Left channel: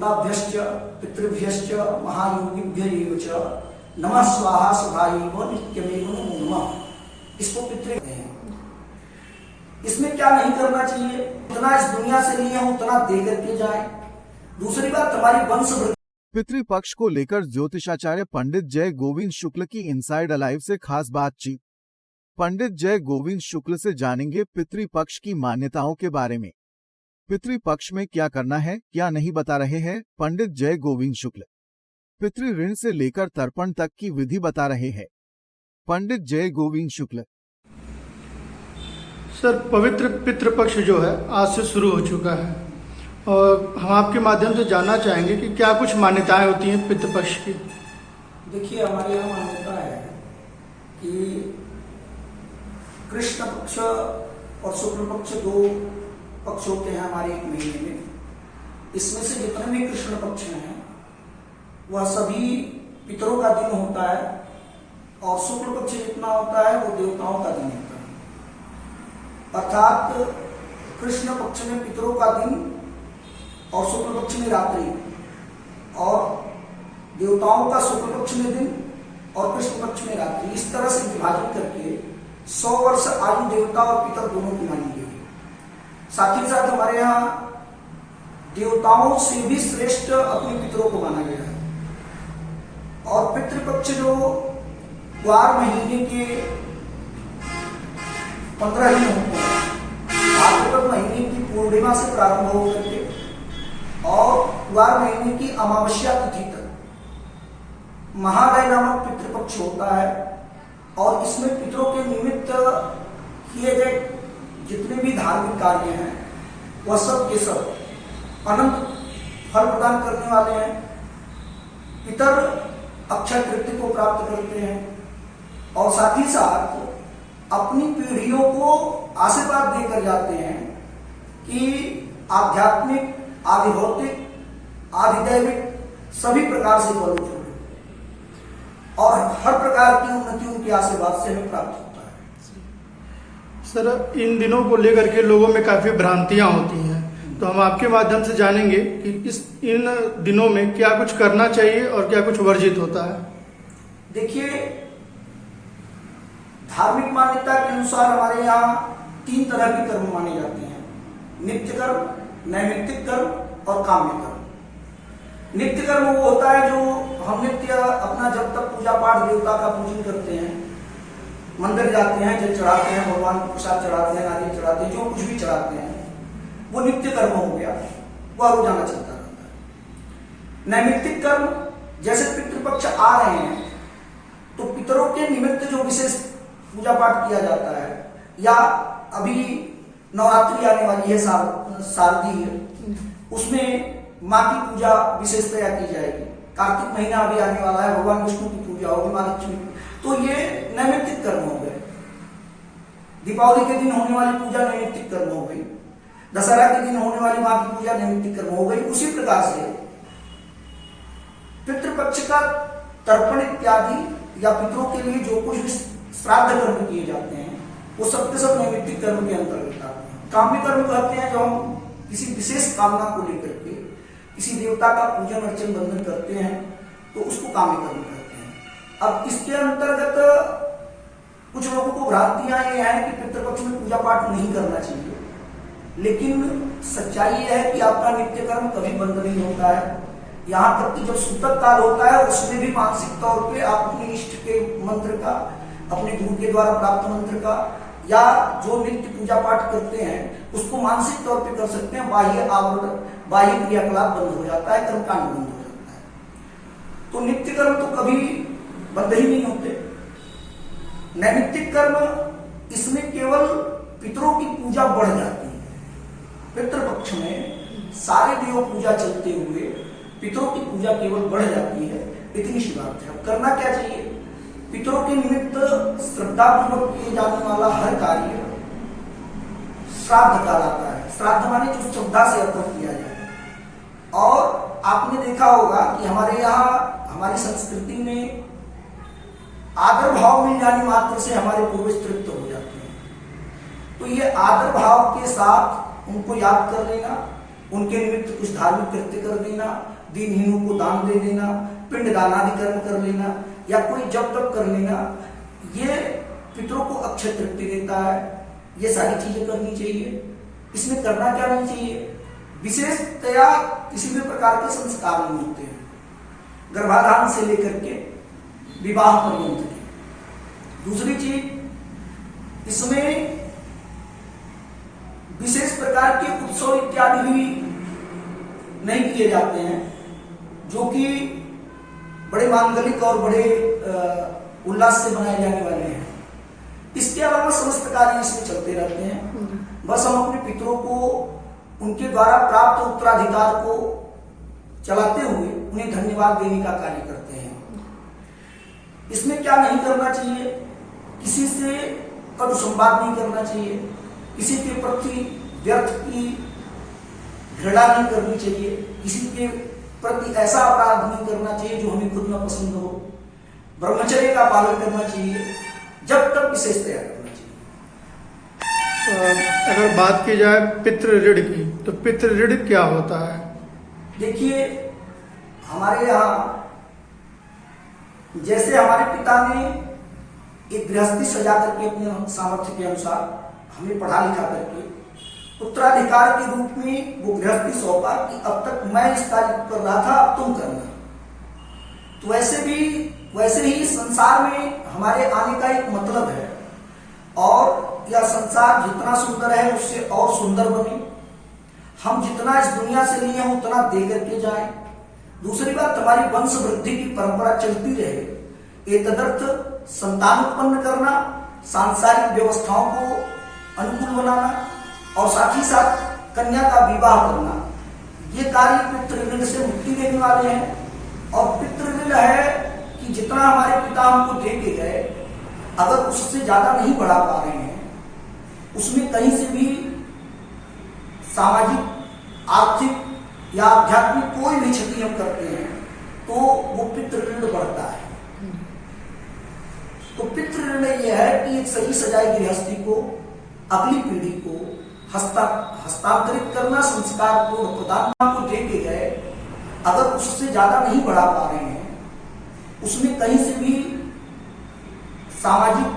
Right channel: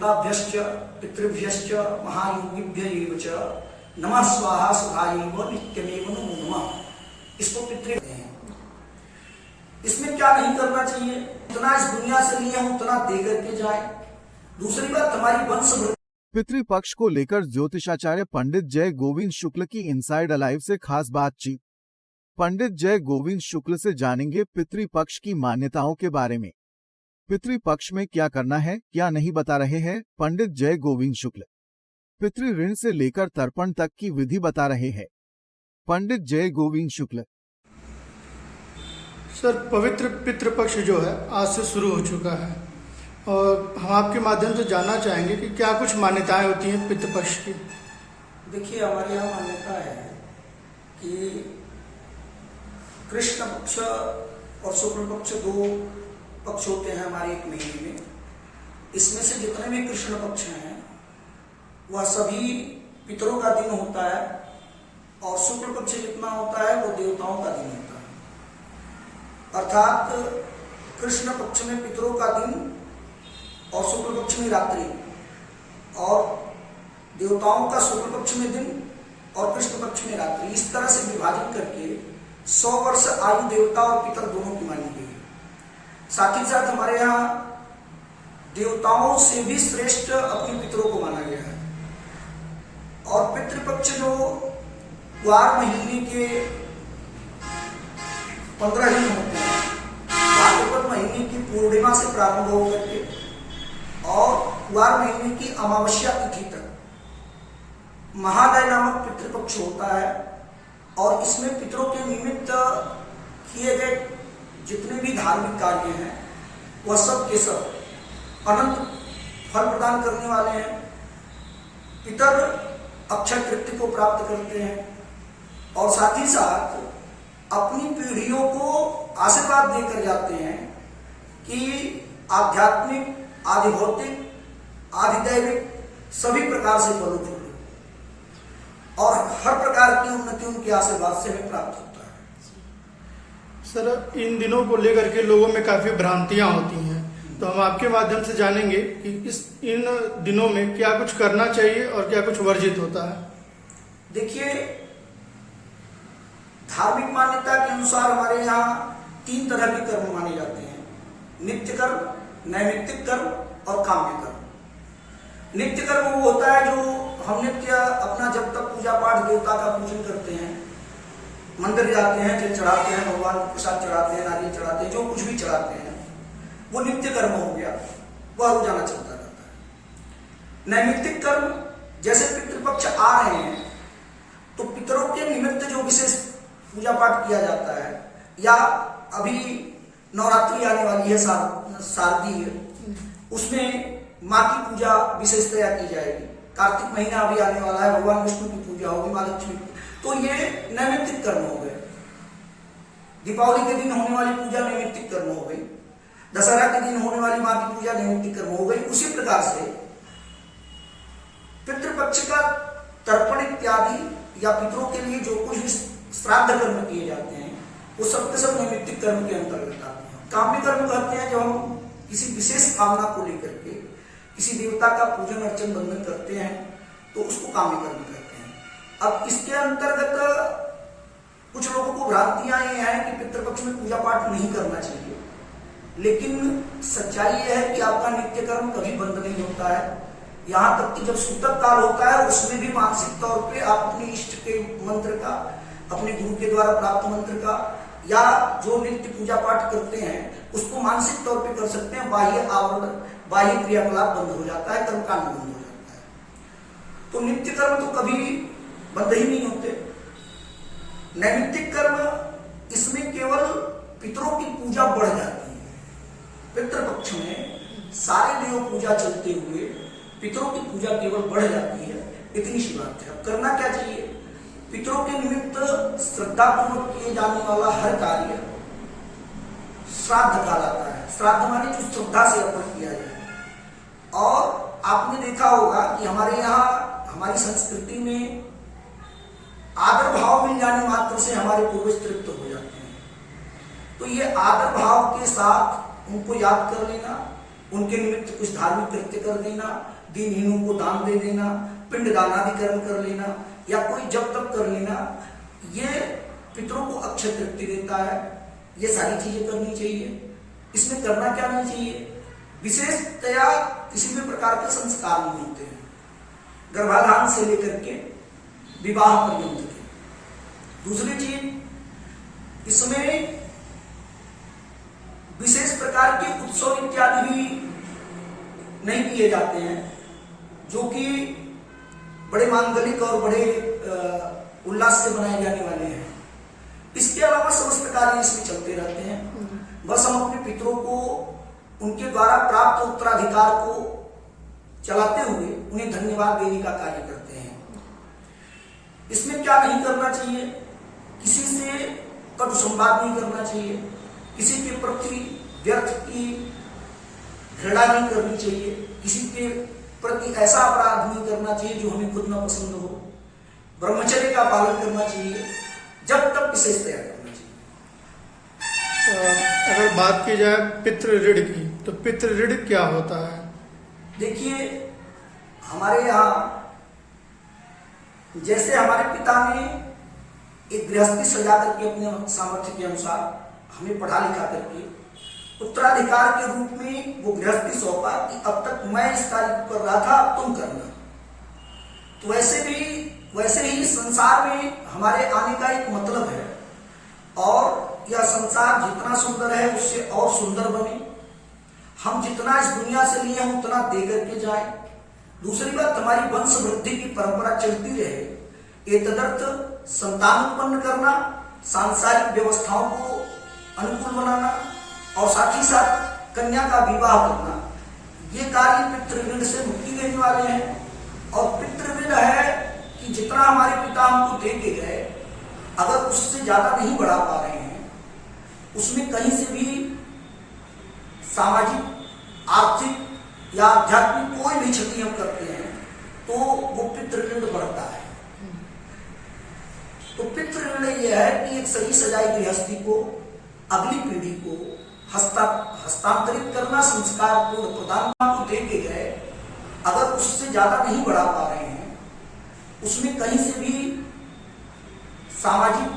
देवताभ्यश्च पितृभ्यश्च महायोगिभ्य एव च नमः स्वाहा सुधायैव नित्यमेव नमो नमः। इसको पितृ कहते हैं। इसमें क्या नहीं करना चाहिए, उतना इस दुनिया से लिए हम उतना दे करके जाए। दूसरी बात, हमारी वंश पितृपक्ष को लेकर ज्योतिषाचार्य पंडित जय गोविंद शुक्ल की इनसाइड अलाइव से खास बातचीत। पंडित जय गोविंद शुक्ल से जानेंगे पितृपक्ष की मान्यताओं के बारे में। पितृपक्ष में क्या करना है क्या नहीं बता रहे हैं पंडित जय गोविंद शुक्ल। पितृ ऋण से लेकर तर्पण तक की विधि बता रहे हैं पंडित जय गोविंद शुक्ल। सर, पवित्र पितृपक्ष जो है आज से शुरू हो चुका है और हम आपके माध्यम से जानना चाहेंगे कि क्या कुछ मान्यताएं होती हैं पितृपक्ष की। देखिए, हमारे यहाँ मान्यता है कि कृष्ण पक्ष और शुक्ल पक्ष दो पक्ष होते हैं हमारे एक महीने में। इसमें से जितने भी कृष्ण पक्ष हैं वह सभी पितरों का दिन होता है और शुक्ल पक्ष जितना होता है वो देवताओं का दिन होता है। अर्थात कृष्ण पक्ष में पितरों का दिन और शुक्ल पक्ष में रात्रि, और देवताओं का शुक्ल पक्ष में दिन और कृष्ण पक्ष में रात्रि, इस तरह से विभाजन करके 100 वर्ष आयु देवता और पितर दोनों की मानी गई। साथ ही साथ हमारे यहाँ देवताओं से भी श्रेष्ठ अपने पितरों को माना गया है। और पितृपक्ष जो ग्वार महीने के 15 दिन होते हैं, भाद्रपद महीने की पूर्णिमा से प्रारंभ होकर के और ग्वार महीने की अमावस्या तिथि तक महालय नामक पितृपक्ष होता है। और इसमें पितरों के निमित्त किए गए जितने भी धार्मिक कार्य हैं वह सब के सब अनंत फल प्रदान करने वाले हैं। पितर अक्षय तृतीया को प्राप्त करते हैं और साथ ही साथ अपनी पीढ़ियों को आशीर्वाद देकर जाते हैं कि आध्यात्मिक, आदि भौतिक, आदि दैविक सभी प्रकार से फल उठे और हर प्रकार की उन्नति उनके आशीर्वाद से हमें प्राप्त होता है। सर, इन दिनों को लेकर के लोगों में काफी भ्रांतियां होती हैं, तो हम आपके माध्यम से जानेंगे कि इन दिनों में क्या कुछ करना चाहिए और क्या कुछ वर्जित होता है। देखिए, धार्मिक मान्यता के अनुसार हमारे यहाँ 3 तरह के कर्म माने जाते हैं: नित्य कर्म, नैमित्तिक कर्म और काम्य कर्म। नित्य कर्म वो होता है जो हम नित्य अपना जब तक पूजा पाठ देवता का पूजन करते हैं, मंदिर जाते हैं, जल चढ़ाते हैं, भगवान को प्रसाद चढ़ाते हैं, नारियल चढ़ाते हैं, जो कुछ भी चढ़ाते हैं वो नित्य कर्म हो गया, वह रोजाना चलता रहता है। नैमित्तिक कर्म, जैसे पितृपक्ष आ रहे हैं तो पितरों के निमित्त जो विशेष पूजा पाठ किया जाता है, या अभी नवरात्रि आने वाली है शारदीय, उसमें माँ की पूजा विशेषतया की जाएगी। कार्तिक महीना अभी आने वाला है, भगवान विष्णु की पूजा होगी, माँ लक्ष्मी की, तो ये नैमित्तिक कर्म हो गए। दीपावली के दिन होने वाली पूजा नैमित्तिक कर्म हो गई, दशहरा के दिन होने वाली माँ की पूजा नैमित्तिक कर्म हो गई। उसी प्रकार से पितृपक्ष का तर्पण इत्यादि या पितरों के लिए जो कुछ भी श्राद्ध कर्म किए जाते हैं वो सब के सब नैमित्तिक कर्म के अंतर्गत आते हैं। काम्य कर्म कहते हैं जब हम किसी विशेष कामना को लेकर के किसी देवता का पूजन अर्चन बंधन करते हैं तो उसको काम्य कर्म कहते हैं। अब इसके अंतर्गत कुछ लोगों को भ्रांतियां ये हैं कि पितृपक्ष में पूजा पाठ नहीं करना चाहिए, लेकिन सच्चाई यह है कि आपका नित्य कर्म कभी बंद नहीं होता है। यहाँ तक कि जब सूतक काल होता है उसमें भी मानसिक तौर पे आप अपने इष्ट के मंत्र का, अपने गुरु के द्वारा प्राप्त मंत्र का, या जो नित्य पूजा पाठ करते हैं उसको मानसिक तौर पे कर सकते हैं। बाह्य आवरण, बाह्य क्रियाकलाप बंद हो जाता है, कर्मकांड बंद हो जाता है। तो नित्य कर्म तो कभी बंद ही नहीं होते। नैमित्तिक कर्म, इसमें केवल पितरों की पूजा बढ़ जाती है। पितृपक्ष में सारे देव पूजा चलते हुए पितरों की पूजा केवल बढ़ जाती है, इतनी सी बात है। अब करना क्या चाहिए? पितरों के निमित्त श्रद्धापूर्वक किए जाने वाला हर कार्य श्राद्ध कहलाता है। श्राद्ध माने जो श्रद्धा से अर्पण किया जाए। और आपने देखा होगा कि हमारे यहाँ, हमारी संस्कृति में आदर भाव मिल जाने मात्र से हमारे पूर्वज तृप्त हो जाते हैं। तो ये आदर भाव के साथ उनको याद कर लेना, उनके निमित्त कुछ धार्मिक कृत्य कर देना, दीनहीनों को दान दे देना, पिंड दानादि कर्म कर लेना या कोई जप तप कर लेना, ये पितरों को अक्षय तृप्ति देता है। ये सारी चीजें करनी चाहिए। इसमें करना क्या नहीं चाहिए, विशेषतया किसी भी प्रकार के संस्कार नहीं होते हैं, गर्भाधान से लेकर के विवाह पर्यंत के। दूसरी चीज, इसमें विशेष प्रकार के उत्सव इत्यादि भी नहीं किए जाते हैं, जो कि बड़े मांगलिक और बड़े उल्लास से बनाए जाने वाले हैं। इसके अलावा समस्त कार्य इसमें चलते रहते हैं। बस हम अपने पितरों को उनके द्वारा प्राप्त उत्तराधिकार को चलाते हुए उन्हें धन्यवाद देने का कार्य करते हैं। इसमें क्या नहीं करना चाहिए, किसी से कटु संवाद नहीं करना चाहिए, किसी के प्रति व्यर्थ की घृणा नहीं करनी चाहिए, किसी के प्रति ऐसा अपराध नहीं करना चाहिए जो हमें खुद न पसंद हो, ब्रह्मचर्य का पालन करना चाहिए, जब तक विशेषतया करना चाहिए। अगर बात की जाए पितृ ऋण की, तो पितृ ऋण क्या होता है? देखिए, हमारे यहाँ जैसे हमारे पिता ने एक गृहस्थी सजा करके अपने सामर्थ्य के अनुसार हमें पढ़ा लिखा करके उत्तराधिकार के रूप में वो गृहस्थी सौंपा कि अब तक मैं इस कार्य को कर रहा था, अब तुम करना। तो वैसे ही संसार में हमारे आने का एक मतलब है, और यह संसार जितना सुंदर है उससे और सुंदर बने। हम जितना इस दुनिया से लिए हैं उतना दे करके जाए। दूसरी बात, हमारी वंश वृद्धि की परंपरा चलती रहे। ये तदर्थ संतान उत्पन्न करना, सांसारिक व्यवस्थाओं को अनुकूल बनाना और साथ ही साथ कन्या का विवाह करना, ये कार्य पितृ ऋण से मुक्ति देने वाले हैं। और पितृ ऋण है कि जितना हमारे पिता हमको दे के गए, अगर उससे ज्यादा नहीं बढ़ा पा रहे हैं, उसमें कहीं से भी सामाजिक, आर्थिक या आध्यात्मिक कोई भी क्षति हम करते हैं, तो वो पितृ ऋण बढ़ता है। तो पितृ ऋण यह है कि एक सही सजाई गृहस्थी को अगली पीढ़ी को हस्तांतरित करना, संस्कार को प्रदान को दे के गए, अगर उससे ज्यादा नहीं बढ़ा पा रहे हैं, उसमें कहीं से भी सामाजिक,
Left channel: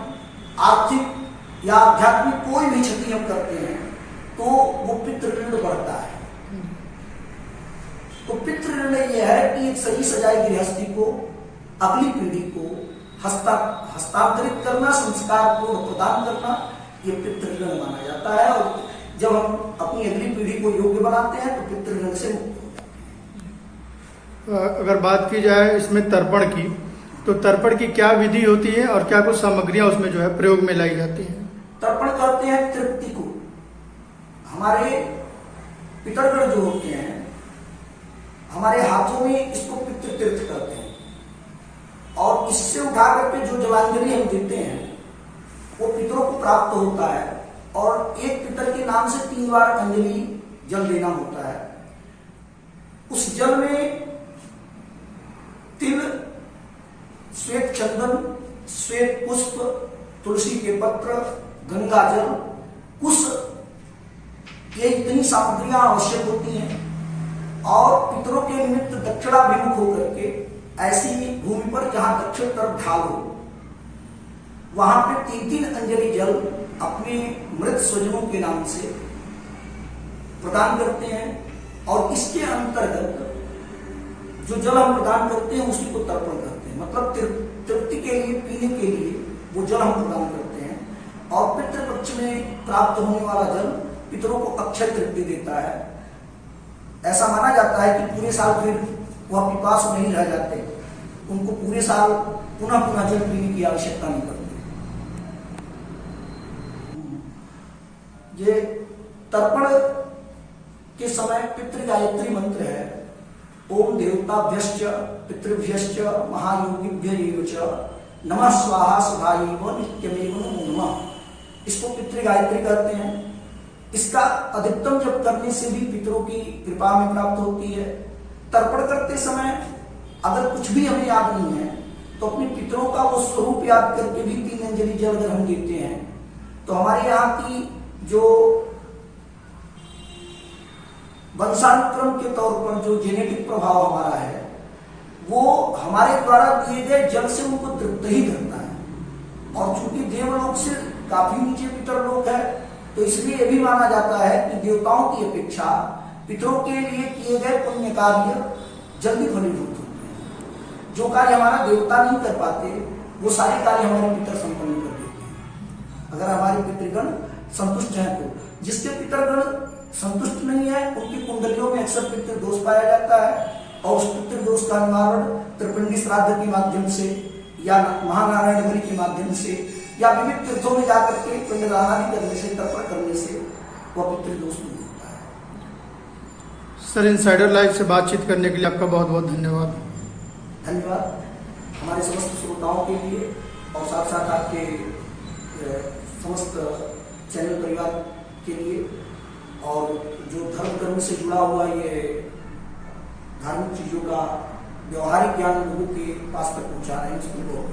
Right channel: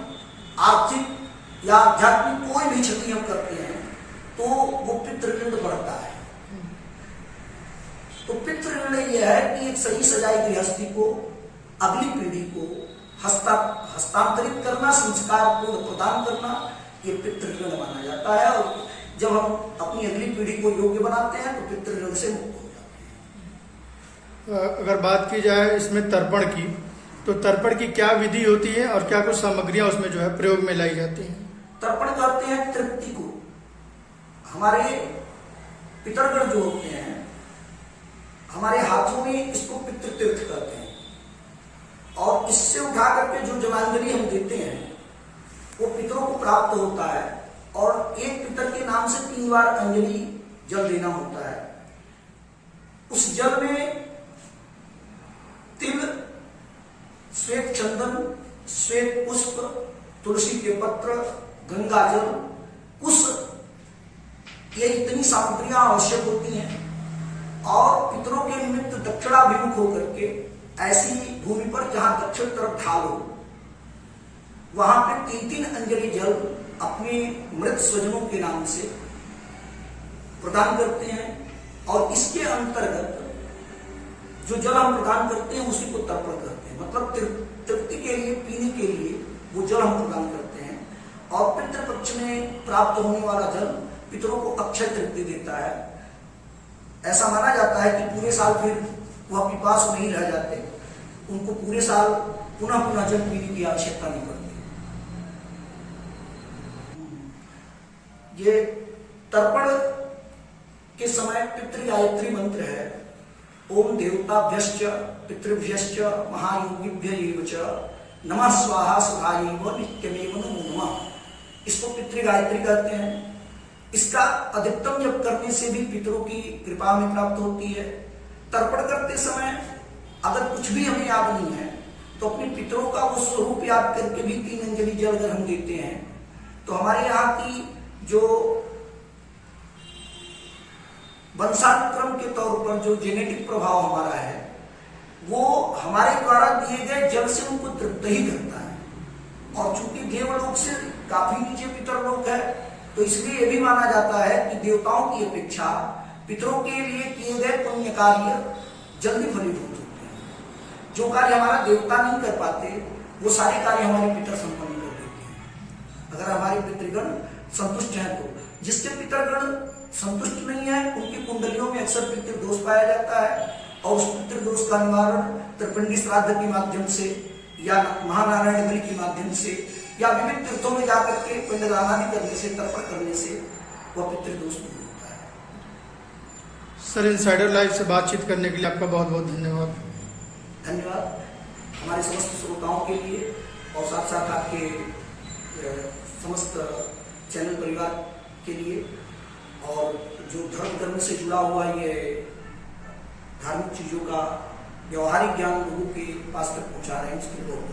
आर्थिक या आध्यात्मिक कोई भी क्षति हम करते हैं, तो वो पितृ ऋण बढ़ता है। तो पितृ ऋण यह है कि एक सही सजाई गृहस्थी को अगली पीढ़ी को हस्तांतरित करना, संस्कार को प्रदान करना, ये पितृ ऋण माना जाता है। और जब हम अपनी अगली पीढ़ी को योग्य बनाते हैं तो पितृ ऋण से मुक्त हो जाते हैं। अगर बात की जाए इसमें तर्पण की, तो तर्पण की क्या विधि होती है और क्या कुछ सामग्रियां उसमें जो है प्रयोग में लाई जाती हैं? तर्पण कहते हैं तृप्ति को। हमारे पितरगण जो होते हैं, हमारे हाथों में इसको पितृतीर्थ कहते हैं, और इससे उठा करके जो जलांजलि हम देते हैं वो पितरों को प्राप्त होता है। और एक पितर के नाम से 3 बार अंजलि जल देना होता है। उस जल में तिल, श्वेत चंदन, श्वेत पुष्प, तुलसी के पत्र, गंगा जल, कुश, ये इतनी सामग्रियां आवश्यक होती हैं। और पितरों के निमित्त दक्षिणाभिमुख होकर के ऐसी भूमि पर जहां दक्षिण तरफ ढाल हो, वहां पे 3-3 अंजलि जल अपने मृत स्वजनों के नाम से प्रदान करते हैं। और इसके अंतर्गत जो जल हम प्रदान करते हैं उसी को तर्पण करते हैं। मतलब तृप्ति के लिए, पीने के लिए वो जल हम प्रदान करते हैं। और पितृपक्ष में प्राप्त होने वाला जल पितरों को अक्षय तृप्ति देता है। ऐसा माना जाता है कि पूरे साल फिर वह पिपासु नहीं रह जाते, उनको पूरे साल पुनः पुनः जल पीने की आवश्यकता नहीं पड़ती। ये तर्पण के समय पितृ गायत्री मंत्र है। ओम देवताभ्यश्च पितृभ्यश्च महायोगिभ्य च नमः स्वाहा सुधायैव नित्यमेव नमो नमः। इसको पितृ गायत्री कहते हैं। इसका अधिकतम जप करने से भी पितरों की कृपा में प्राप्त होती है। तर्पण करते समय अगर कुछ भी हमें याद नहीं है तो अपने पितरों का वो स्वरूप याद करके भी 3 अंजलि जल अगर हम देते हैं तो हमारे यहाँ की जो वंशानुक्रम के तौर पर जो जेनेटिक प्रभाव हमारा है वो हमारे द्वारा दिए गए जल से उनको तृप्त ही करता है। और चूंकि देवलोक से काफी नीचे पितरलोक है, तो इसलिए यह भी माना जाता है कि देवताओं की अपेक्षा पितरों के लिए किए गए पुण्य कार्य जल्दी फलीभूत होते हैं। जो कार्य हमारा देवता नहीं कर पाते वो सारे कार्य हमारे पितर संपन्न कर देते हैं, अगर हमारे पितृगण संतुष्ट हैं तो। जिसके पितृगण संतुष्ट नहीं है उनकी कुंडलियों में अक्सर पितृदोष पाया जाता है, और उस पितृदोष का निवारण त्रिपिंडी श्राद्ध के माध्यम से या महानारायण बलि के माध्यम से या विविध तीर्थों में जाकर के पिंडदान आदि करने से, तर्पण करने से वह पितृदोष दूर होता है। सर, इनसाइडर लाइव से बातचीत करने के लिए आपका बहुत बहुत धन्यवाद। धन्यवाद हमारे समस्त श्रोताओं के लिए और साथ साथ आपके समस्त चैनल परिवार के लिए, और जो धर्म कर्म से जुड़ा हुआ ये धार्मिक चीजों का व्यवहारिक ज्ञान लोगों के पास तक पहुंचा रहे हैं, उसके लिए बहुत